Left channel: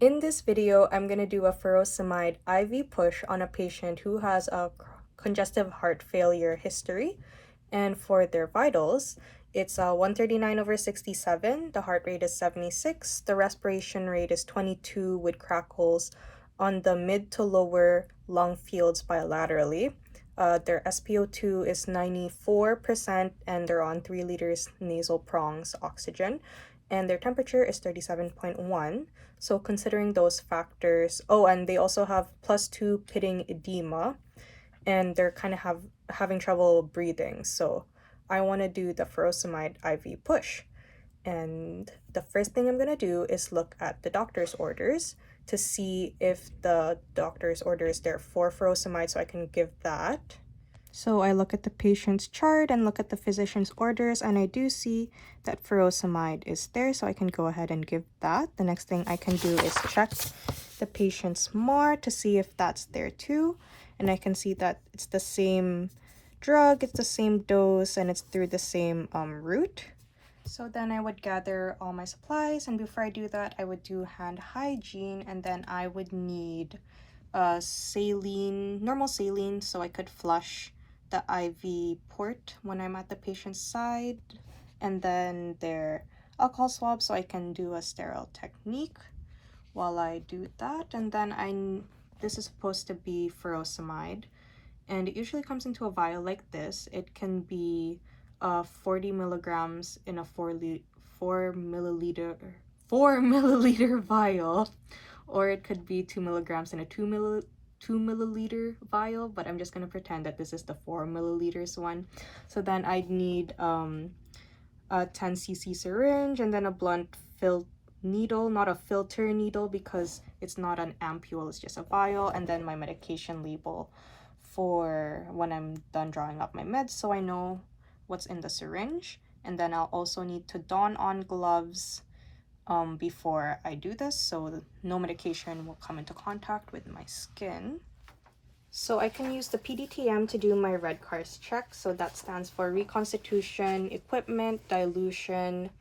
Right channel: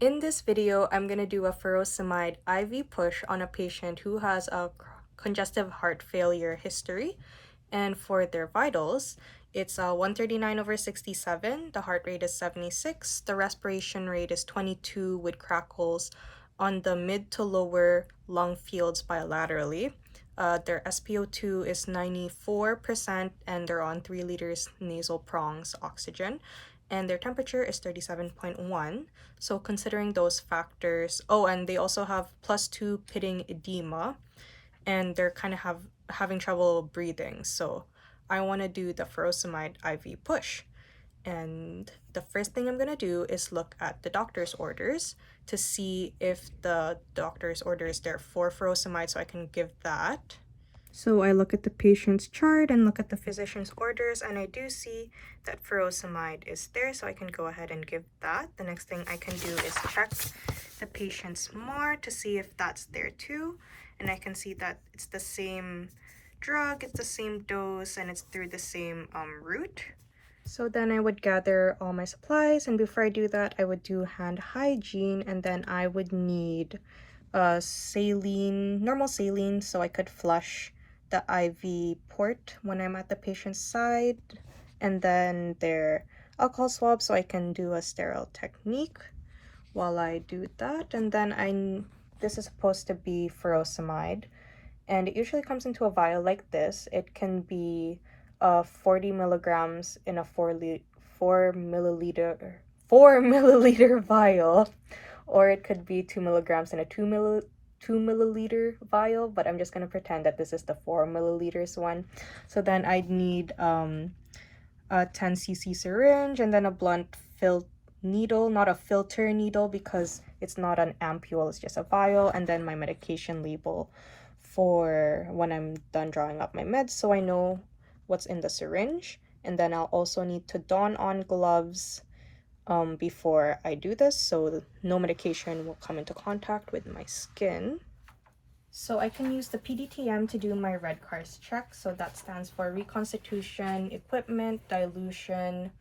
In this video, I'm going to do a furosemide IV push on a patient who has a congestive heart failure history. And for their vitals, it's 139/67, the heart rate is 76, the respiration rate is 22 with crackles on the mid to lower lung fields bilaterally. Their SpO2 is 94% and they're on 3 liters nasal prongs oxygen, and their temperature is 37.1. So considering those factors, oh, and they also have +2 pitting edema, and they're kind of having trouble breathing. So I want to do the furosemide IV push. And the first thing I'm going to do is look at the doctor's orders to see if the doctor's order is there for furosemide, so I can give that. So I look at the patient's chart and look at the physician's orders, and I do see that furosemide is there, so I can go ahead and give that. The next thing I can do is check the patient's MAR to see if that's there too, and I can see that it's the same drug, it's the same dose, and it's through the same route. So then I would gather all my supplies, and before I do that, I would do hand hygiene, and then I would need saline, normal saline, so I could flush the IV port when I'm at the patient's side, and then their alcohol swab so I can do a sterile technique while I do that. And then this is supposed to be furosemide, and it usually comes into a vial like this. It can be 40 milligrams in a 4 milliliter vial, or it could be 2 milligrams in a 2 milliliter vial, but I'm just going to pretend that this is the 4 milliliters one. So then I'd need a 10 cc syringe, and then a blunt needle, not a filter needle because it's not an ampule, it's just a vial, and then my medication label for when I'm done drawing up my meds so I know what's in the syringe. And then I'll also need to don on gloves before I do this, so no medication will come into contact with my skin. So I can use the PDTM to do my red cars check. So that stands for reconstitution, equipment, dilution,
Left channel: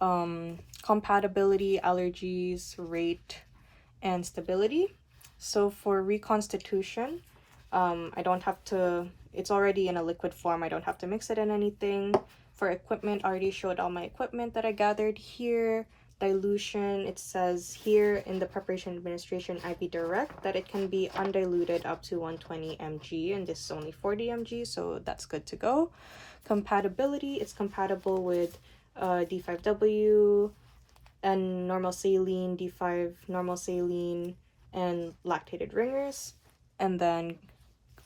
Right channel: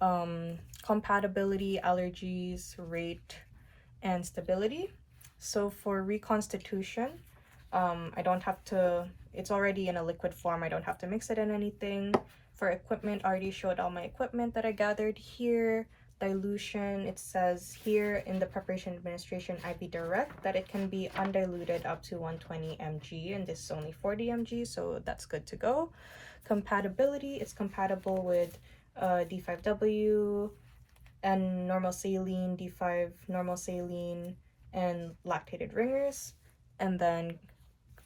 compatibility, allergies, rate, and stability. So for reconstitution, I don't have to, it's already in a liquid form, I don't have to mix it in anything. For equipment, I already showed all my equipment that I gathered here. Dilution, it says here in the preparation administration IV direct that it can be undiluted up to 120 mg, and this is only 40 mg, so that's good to go. Compatibility, it's compatible with D5W and normal saline, D5 normal saline, and lactated ringers. And then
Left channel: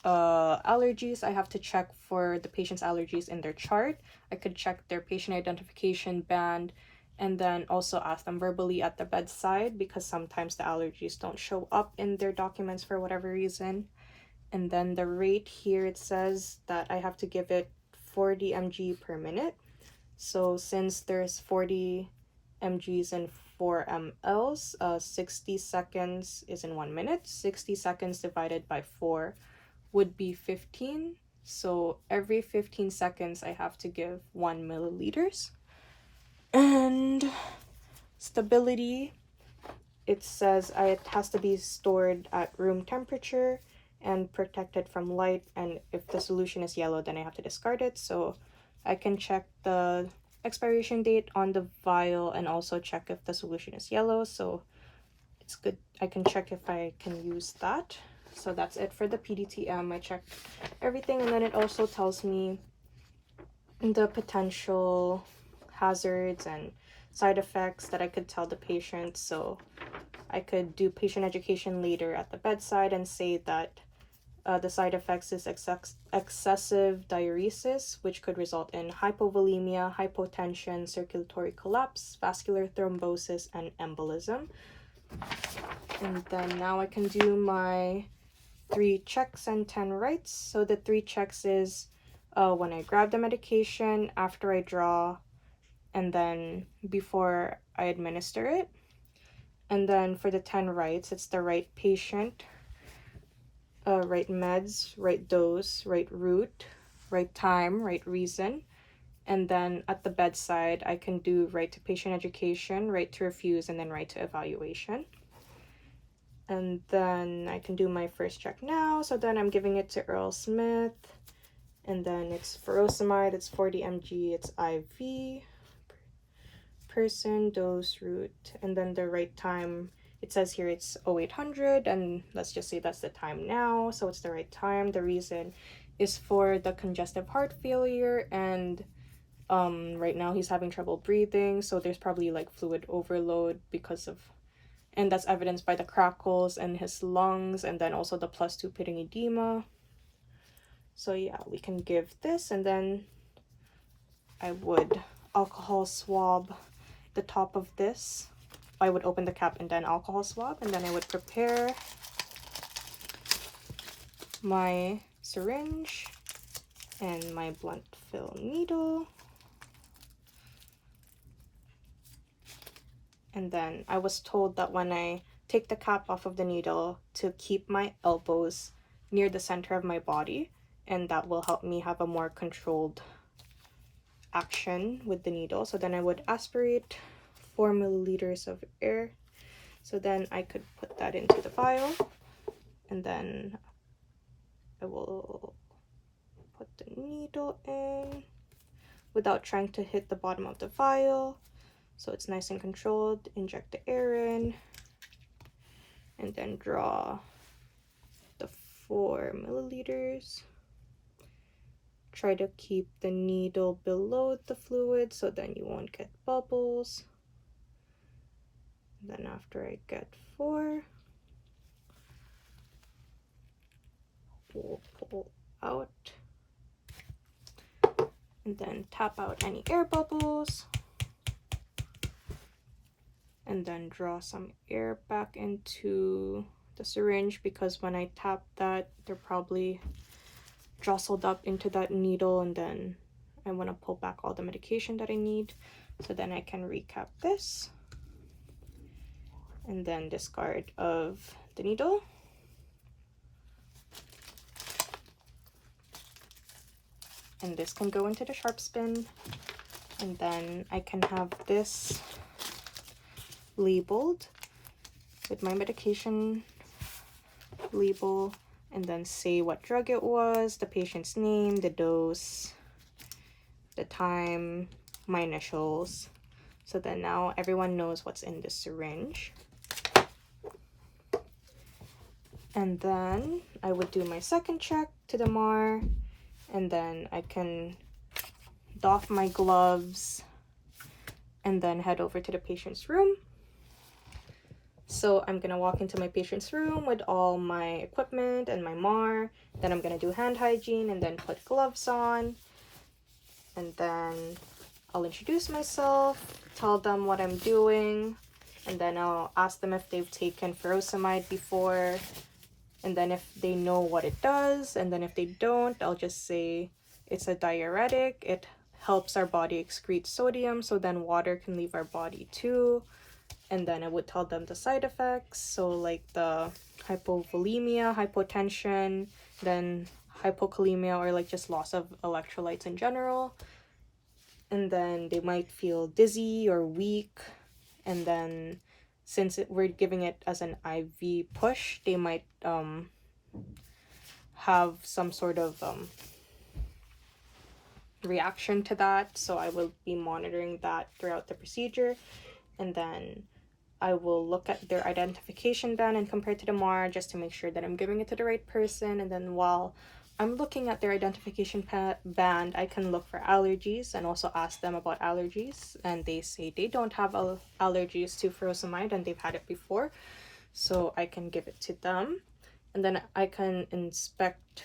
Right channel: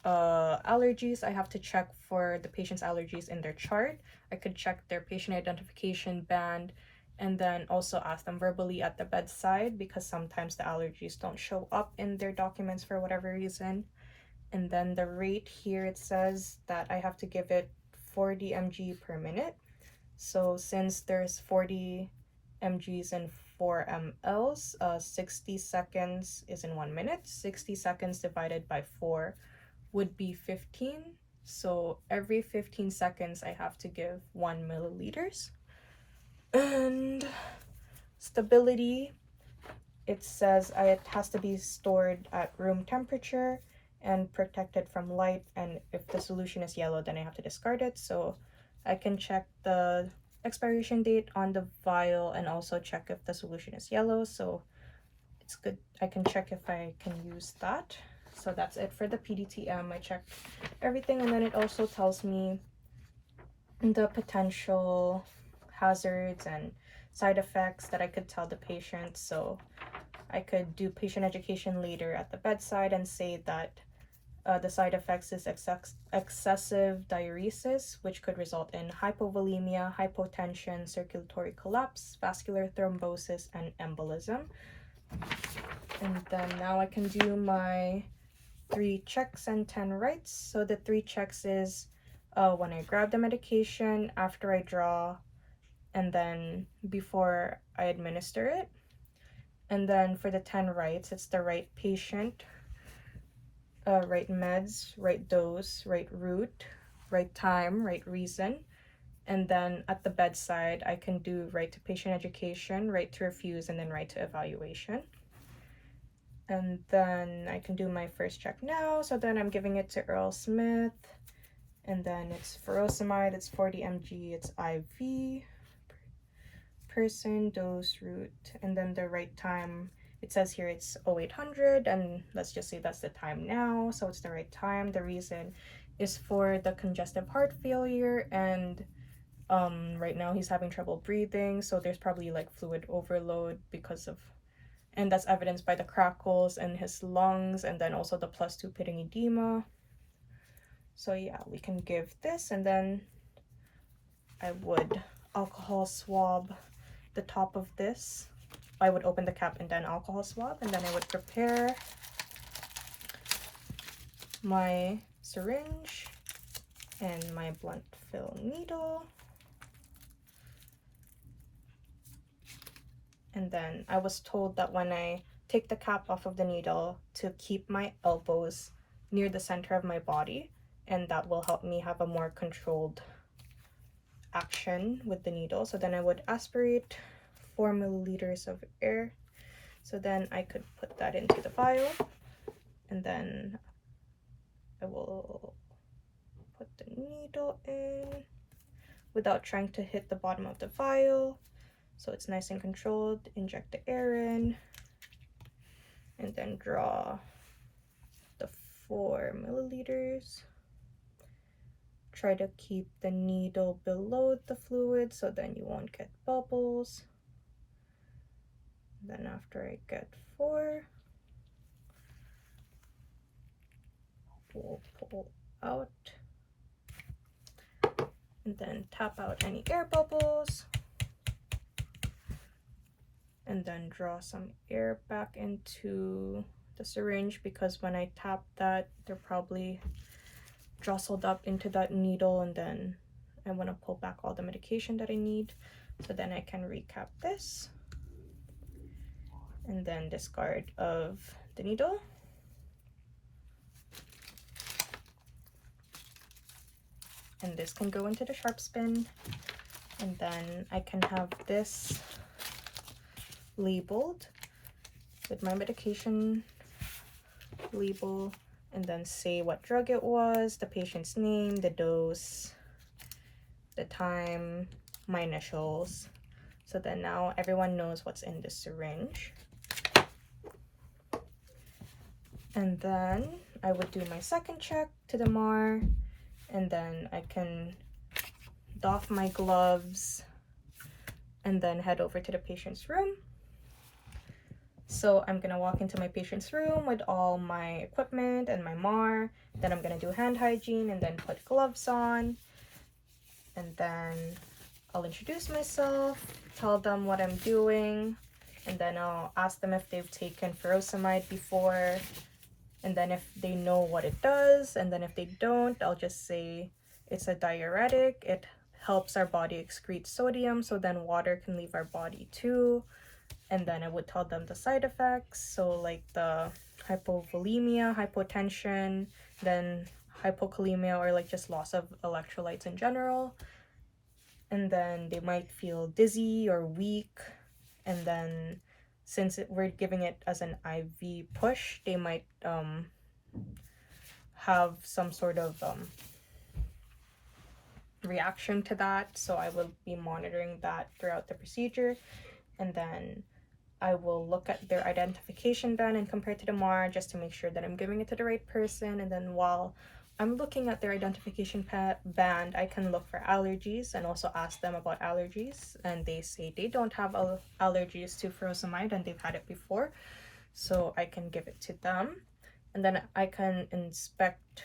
allergies, I have to check for the patient's allergies in their chart. I could check their patient identification band, and then also ask them verbally at the bedside because sometimes the allergies don't show up in their documents for whatever reason. And then the rate here, it says that I have to give it 40 mg per minute. So since there's 40 mgs in 4 mLs, 60 seconds is in 1 minute. 60 seconds divided by 4 would be 15. So every 15 seconds I have to give 1 milliliters. And stability, it says it has to be stored at room temperature and protected from light, and if the solution is yellow then I have to discard it. So I can check the expiration date on the vial and also check if the solution is yellow, so it's good. I can check if I can use that. So that's it for the PDTM. I checked everything, and then it also tells me the potential hazards and side effects that I could tell the patient. So I could do patient education later at the bedside and say that the side effects is excessive diuresis, which could result in hypovolemia, hypotension, circulatory collapse, vascular thrombosis, and embolism. And then now I can do my 3 checks and 10 writes. So the 3 checks is when I grab the medication, after I draw, and then before I administer it. And then for the 10 writes, it's the right patient, right meds, right dose, right route, right time, right reason. And then at the bedside, I can do right to patient education, right to refuse, and then right to evaluation. And then I can do my first check now. So then I'm giving it to Earl Smith. And then it's furosemide, it's 40 mg, it's IV, person, dose, route, and then the right time, it says here it's 0800, and let's just say that's the time now, so it's the right time. The reason is for the congestive heart failure, and right now he's having trouble breathing, so there's probably like fluid overload because of, and that's evidenced by the crackles in his lungs, and then also the +2 pitting edema. So yeah, we can give this, and then I would alcohol swab the top of this. I would open the cap and then alcohol swab, and then I would prepare my syringe and my blunt fill needle. And then I was told that when I take the cap off of the needle to keep my elbows near the center of my body, and that will help me have a more controlled action with the needle. So then I would aspirate 4 milliliters of air. So then I could put that into the vial, and then I will put the needle in without trying to hit the bottom of the vial, so it's nice and controlled. Inject the air in, and then draw the 4 milliliters. Try to keep the needle below the fluid so then you won't get bubbles. Then after I get 4, we'll pull out and then tap out any air bubbles, and then draw some air back into the syringe, because when I tap that, they're probably jostled up into that needle, and then I want to pull back all the medication that I need. So then I can recap this, and then discard of the needle. And this can go into the sharp spin, and then I can have this labeled with my medication label, and then say what drug it was, the patient's name, the dose, the time, my initials. So then now everyone knows what's in the syringe. And then I would do my second check to the MAR, and then I can doff my gloves and then head over to the patient's room. So I'm gonna walk into my patient's room with all my equipment and my MAR. Then I'm gonna do hand hygiene and then put gloves on. And then I'll introduce myself, tell them what I'm doing, and then I'll ask them if they've taken furosemide before, and then if they know what it does, and then if they don't, I'll just say it's a diuretic. It helps our body excrete sodium, so then water can leave our body too. And then I would tell them the side effects, so like the hypovolemia, hypotension, then hypokalemia, or like just loss of electrolytes in general. And then they might feel dizzy or weak, and then since we're giving it as an IV push, they might have some sort of reaction to that, so I will be monitoring that throughout the procedure. And then I will look at their identification band and compare to the MAR just to make sure that I'm giving it to the right person. And then while I'm looking at their identification band, I can look for allergies and also ask them about allergies. And they say they don't have allergies to furosemide and they've had it before, so I can give it to them. And then I can inspect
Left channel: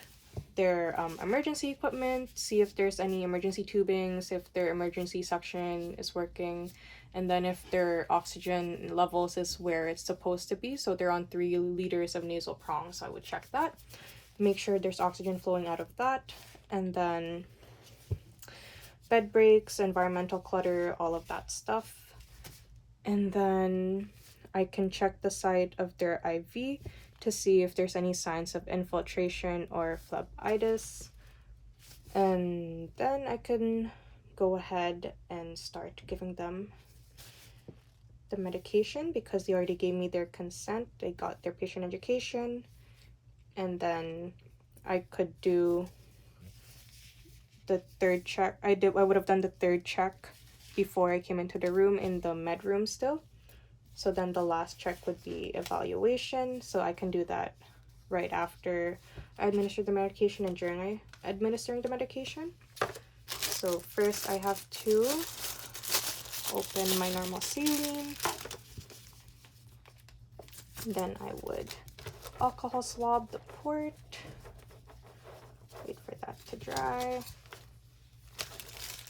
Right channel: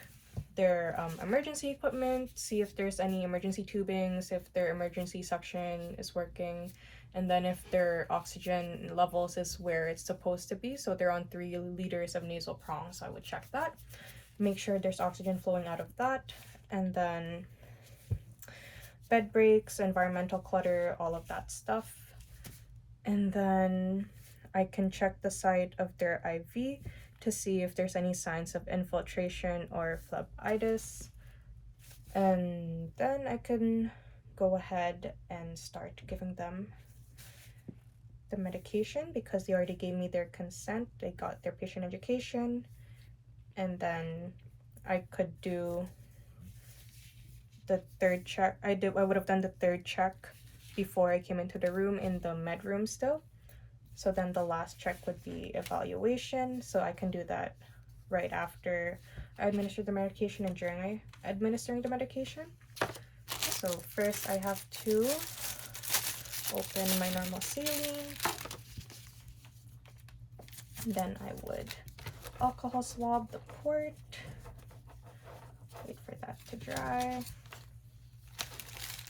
their emergency equipment, see if there's any emergency tubings, if their emergency suction is working, and then if their oxygen levels is where it's supposed to be. So they're on 3 liters of nasal prong, so I would check that, make sure there's oxygen flowing out of that. And then bed breaks, environmental clutter, all of that stuff. And then I can check the site of their IV to see if there's any signs of infiltration or phlebitis. And then I can go ahead and start giving them the medication because they already gave me their consent. They got their patient education, and then I could do the third check. I would have done the third check before I came into the room in the med room still. So then the last check would be evaluation. So I can do that right after I administer the medication and during administering the medication. So first I have to open my normal saline. Then I would alcohol swab the port. Wait for that to dry.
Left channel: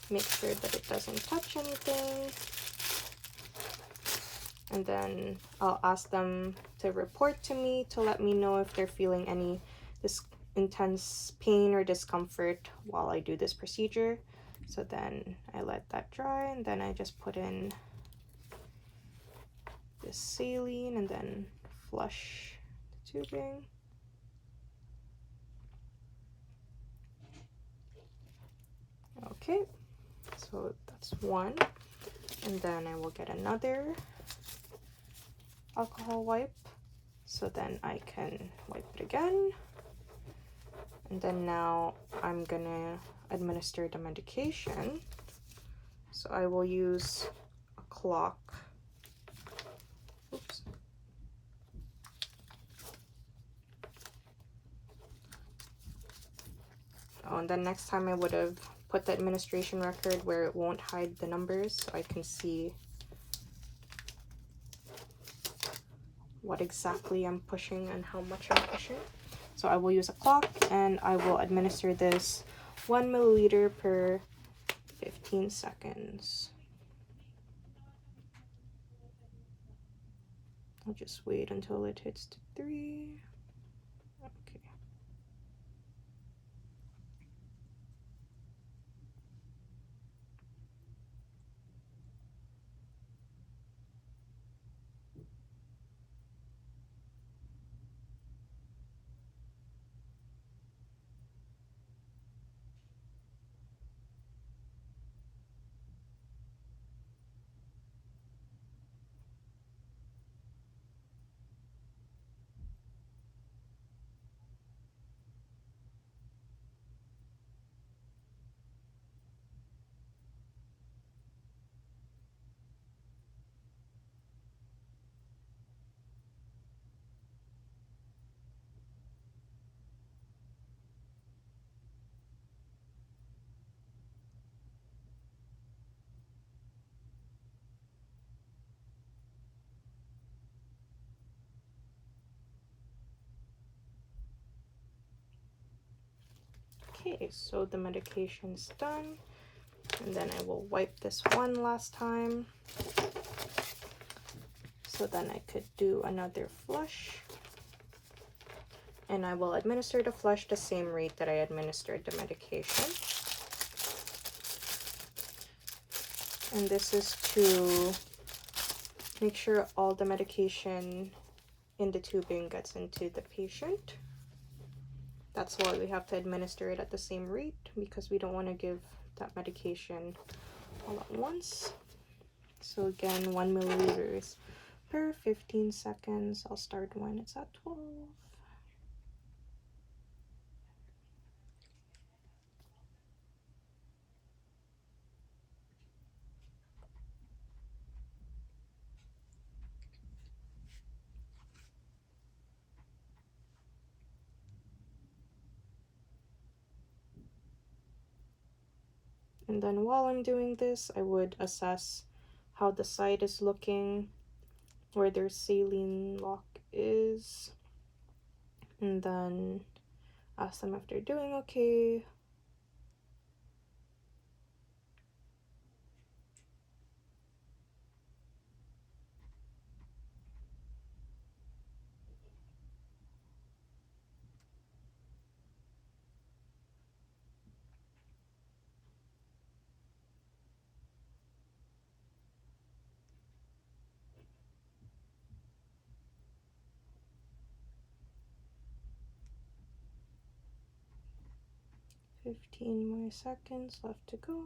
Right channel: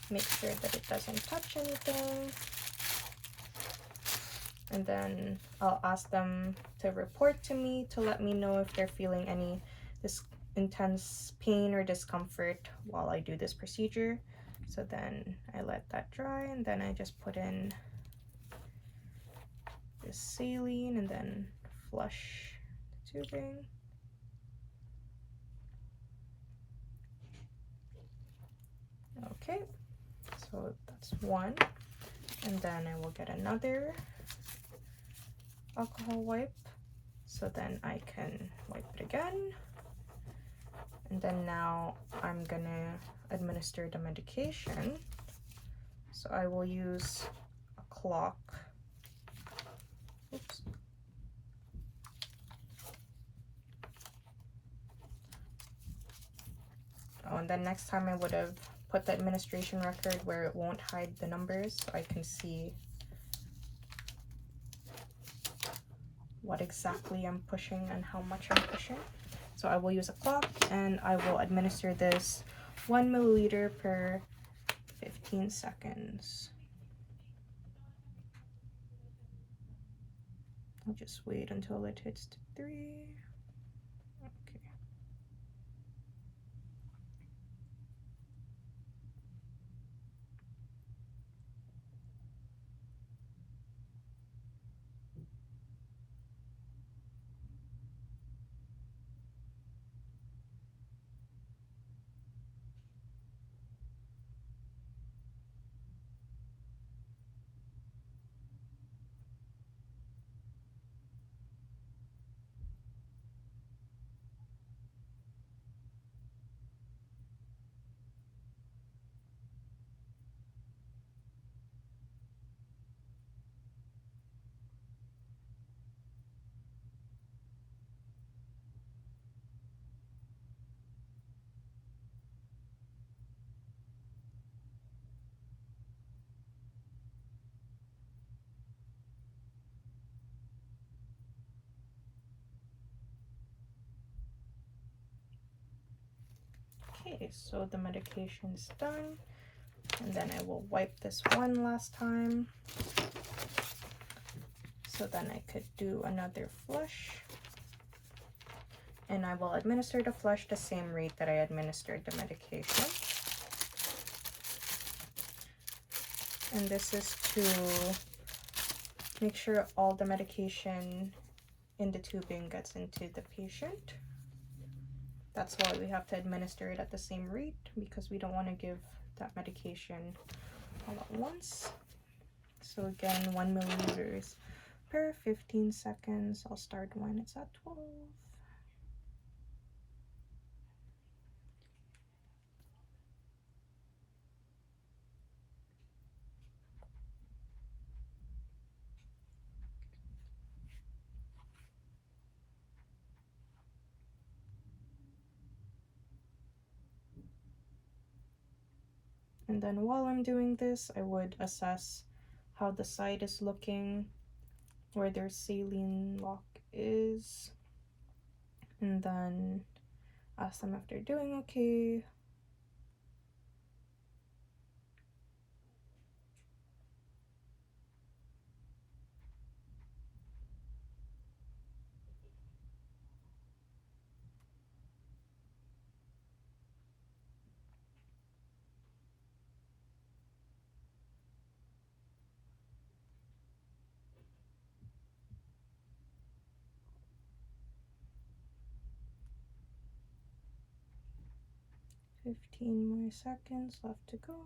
Make sure that it doesn't touch anything. And then I'll ask them to report to me to let me know if they're feeling any intense pain or discomfort while I do this procedure. So then I let that dry, and then I just put in this saline and then flush the tubing. Okay, so that's one. And then I will get another alcohol wipe. So then I can wipe it again. And then now I'm gonna administer the medication. So I will use a clock. Oops. Oh, and then next time I would have put the administration record where it won't hide the numbers so I can see what exactly I'm pushing and how much I'm pushing. So I will use a clock and I will administer this 1 milliliter per 15 seconds. I'll just wait until it hits 3. Okay. Okay, so the medication's done. And then I will wipe this one last time. So then I could do another flush. And I will administer the flush the same rate that I administered the medication. And this is to make sure all the medication in the tubing gets into the patient. That's why we have to administer it at the same rate, because we don't want to give that medication all at once. So again, 1 milliliters per 15 seconds. I'll start when it's at 12. And then while I'm doing this, I would assess how the site is looking, where their saline lock is, and then ask them if they're doing okay. Fifteen more seconds left to go.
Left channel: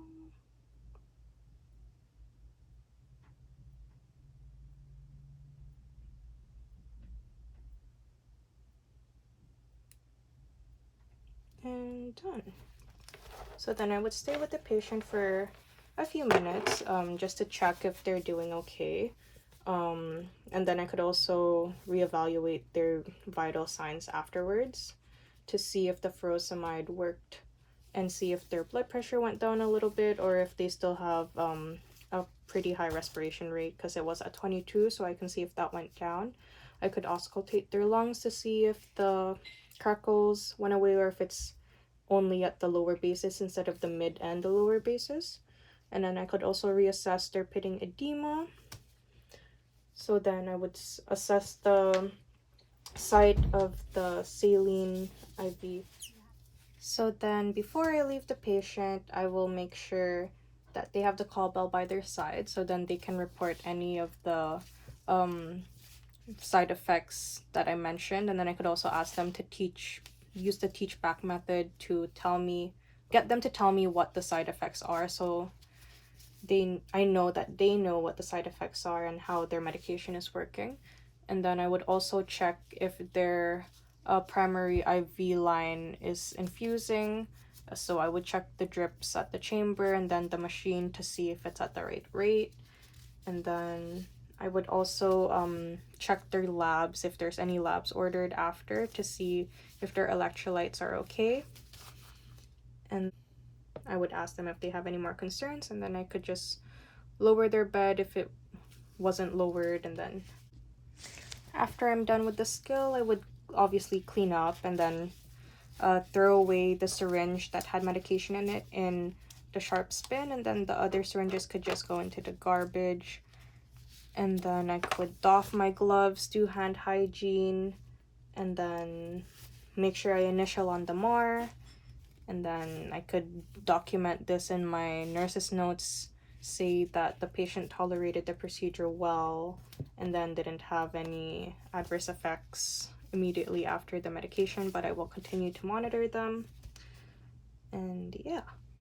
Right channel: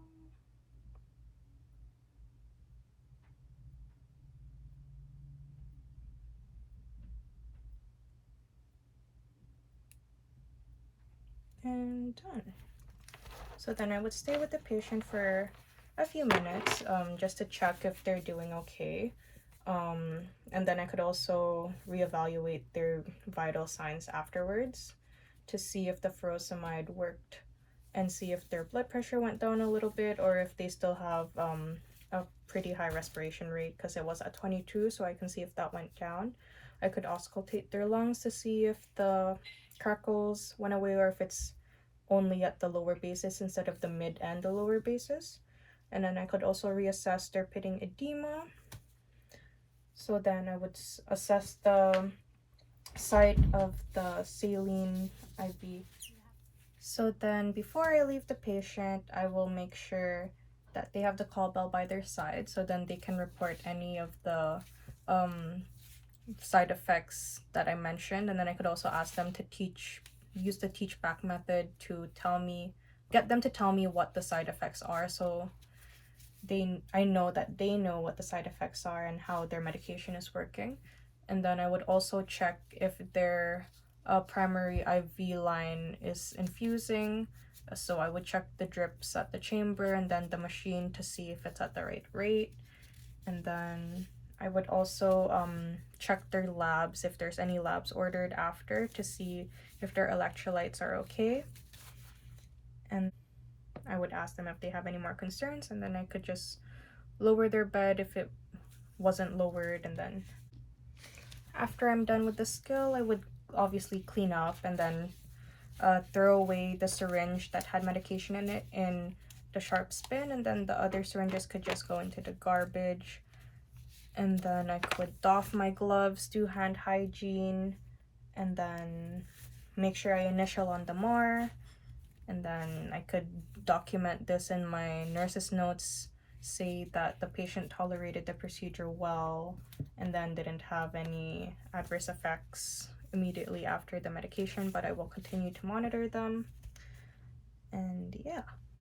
and done. So then I would stay with the patient for a few minutes, just to check if they're doing okay. And then I could also reevaluate their vital signs afterwards to see if the furosemide worked and see if their blood pressure went down a little bit or if they still have a pretty high respiration rate, because it was at 22, so I can see if that went down. I could auscultate their lungs to see if the crackles went away or if it's only at the lower bases instead of the mid and the lower bases. And then I could also reassess their pitting edema. So then I would assess the site of the saline IV. So then before I leave the patient, I will make sure that they have the call bell by their side, so then they can report any of the side effects that I mentioned. And then I could also ask them to use the teach back method to get them to tell me what the side effects are, so I know that they know what the side effects are and how their medication is working. And then I would also check if their primary IV line is infusing. So I would check the drips at the chamber and then the machine to see if it's at the right rate. And then I would also check their labs, if there's any labs ordered after, to see if their electrolytes are okay. And I would ask them if they have any more concerns, and then I could just lower their bed if it wasn't lowered. And then after I'm done with the skill, I would obviously clean up and then throw away the syringe that had medication in it in the sharp spin, and then the other syringes could just go into the garbage. And then I could doff my gloves, do hand hygiene, and then make sure I initial on the MAR. And then I could document this in my nurse's notes, say that the patient tolerated the procedure well and then didn't have any adverse effects immediately after the medication, but I will continue to monitor them. And yeah.